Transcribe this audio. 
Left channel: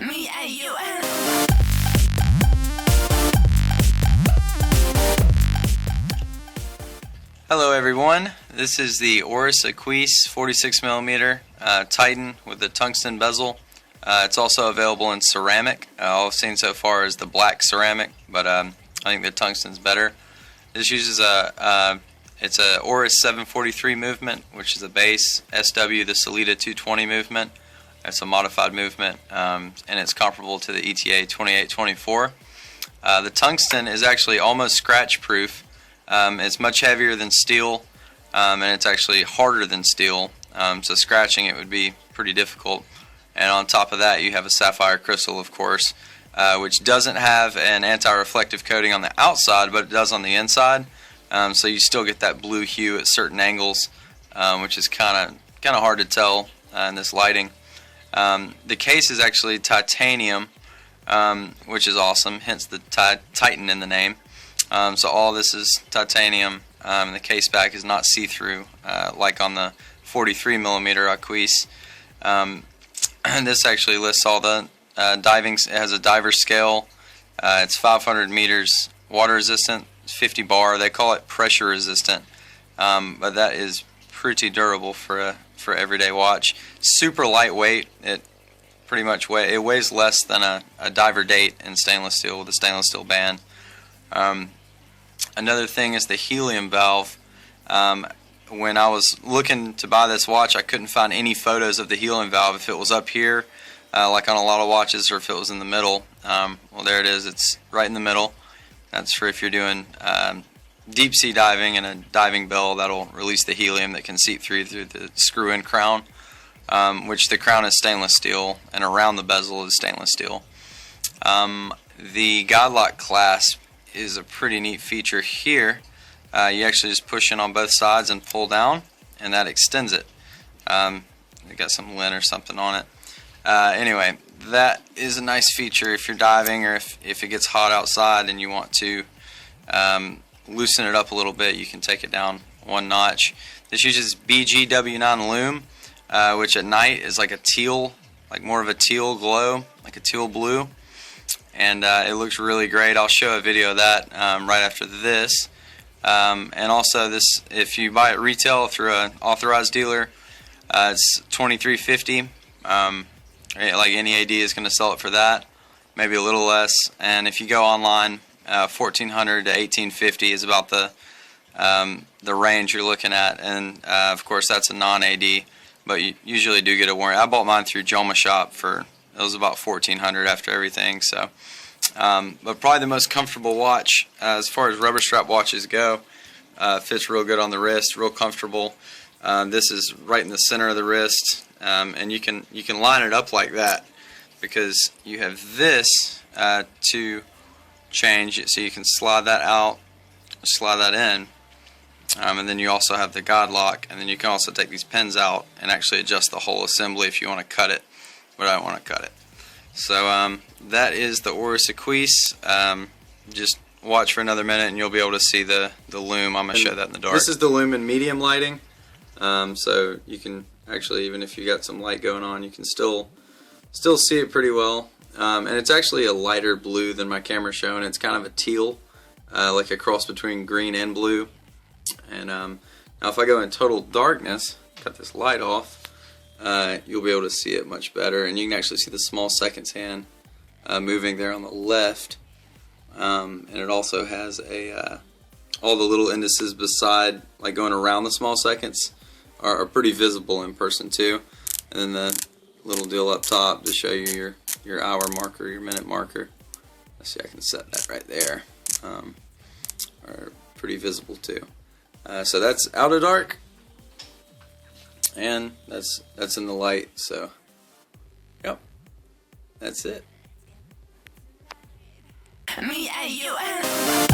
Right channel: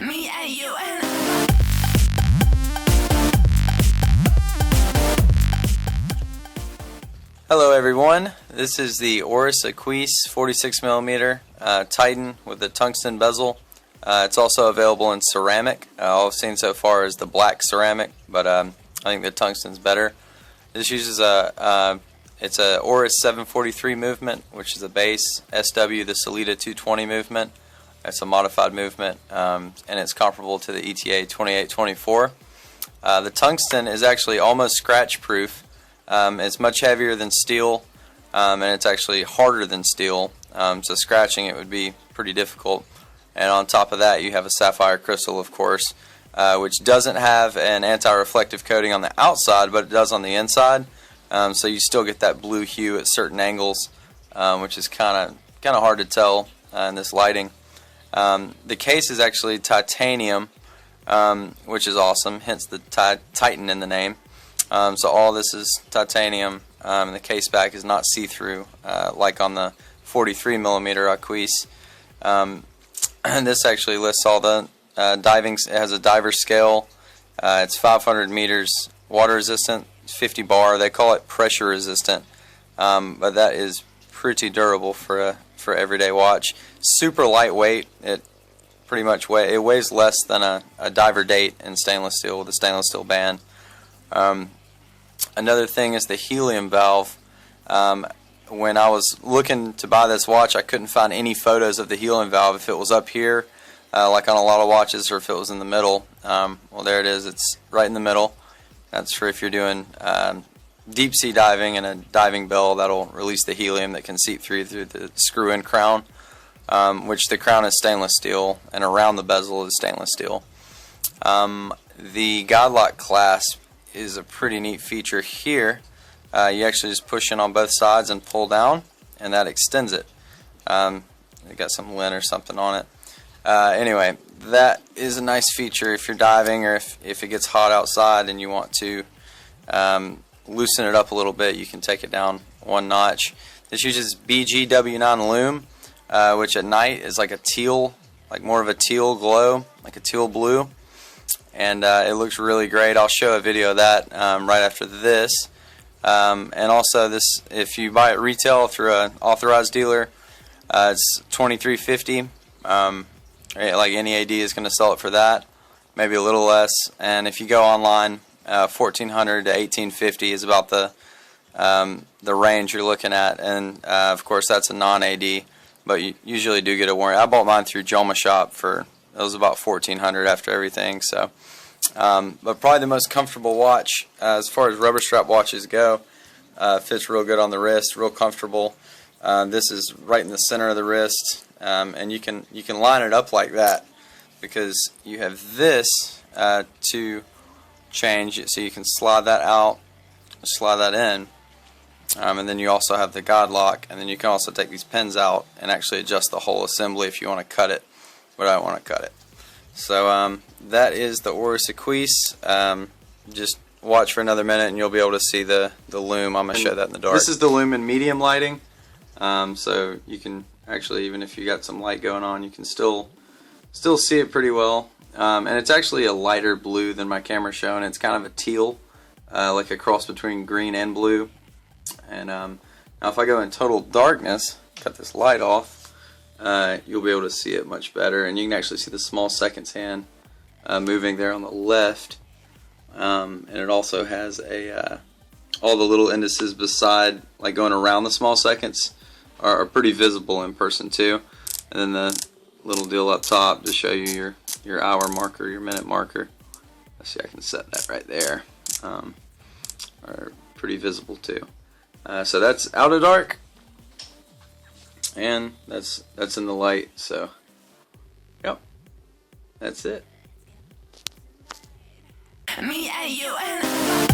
Me and you and Hello everyone, this is the ORIS AQUIS 46mm Titan with the tungsten bezel. It's also available in ceramic. All I've seen so far is the black ceramic, but I think the tungsten's better. This uses it's a ORIS 743 movement, which is a base, SW the Salida 220 movement. It's a modified movement, and it's comparable to the ETA 2824. The tungsten is actually almost scratch proof. It's much heavier than steel, and it's actually harder than steel, so scratching it would be pretty difficult. And on top of that, you have a sapphire crystal, of course, which doesn't have an anti-reflective coating on the outside, but it does on the inside. So you still get that blue hue at certain angles, which is kind of hard to tell in this lighting. The case is actually titanium, which is awesome, hence the Titan in the name. So all this is titanium, and the case back is not see-through like on the 43mm Aquis. And this actually lists all the diving. It has a diver scale. It's 500 meters water resistant, 50 bar. They call it pressure resistant, but that is pretty durable for everyday watch. Super lightweight. It pretty much weighs less than a diver date in stainless steel with a stainless steel band. Another thing is the helium valve. When I was looking to buy this watch, I couldn't find any photos of the helium valve. If it was up here, like on a lot of watches, or if it was in the middle. Well, there it is. It's right in the middle. That's for if you're doing deep sea diving and a diving bell that'll release the helium that can seep through the screw-in crown, which the crown is stainless steel, and around the bezel is stainless steel. The Godlock clasp is a pretty neat feature here. You actually just push in on both sides and pull down, and that extends it. It got some lint or something on it. Anyway, that is a nice feature if you're diving, or if it gets hot outside and you want to loosen it up a little bit. You can take it down one notch. This uses BGW9 lume, which at night is like a teal, like more of a teal glow, like a teal blue. And it looks really great. I'll show a video of that right after this. And also, this, if you buy it retail through an authorized dealer, it's $23.50. Like any AD is going to sell it for that, maybe a little less. And if you go online, $1,400 to $1,850 is about the range you're looking at. And of course, that's a non-AD, but you usually do get a warranty. I bought mine through Jomashop for, it was about $1,400 after everything. So, but probably the most comfortable watch as far as rubber strap watches go. Fits real good on the wrist, real comfortable. This is right in the center of the wrist, and you can line it up like that because you have this to change it, so you can slide that out, slide that in, and then you also have the Godlock, and then you can also take these pins out and actually adjust the whole assembly if you want to cut it. But I don't want to cut it. So that is the ORIS AQUIS. Just watch for another minute and you'll be able to see the lume. I'm going to show that in the dark. This is the lume in medium lighting. So you can actually, even if you got some light going on, you can still see it pretty well. And it's actually a lighter blue than my camera showing. It's kind of a teal, like a cross between green and blue. And now if I go in total darkness, cut this light off, you'll be able to see it much better, and you can actually see the small seconds hand moving there on the left, and it also has all the little indices beside, like going around the small seconds, are pretty visible in person too. And then the little deal up top to show you your hour marker, your minute marker. Let's see, I can set that right there. Are pretty visible too. So that's out of dark. And that's in the light, so yep, that's it. me and you and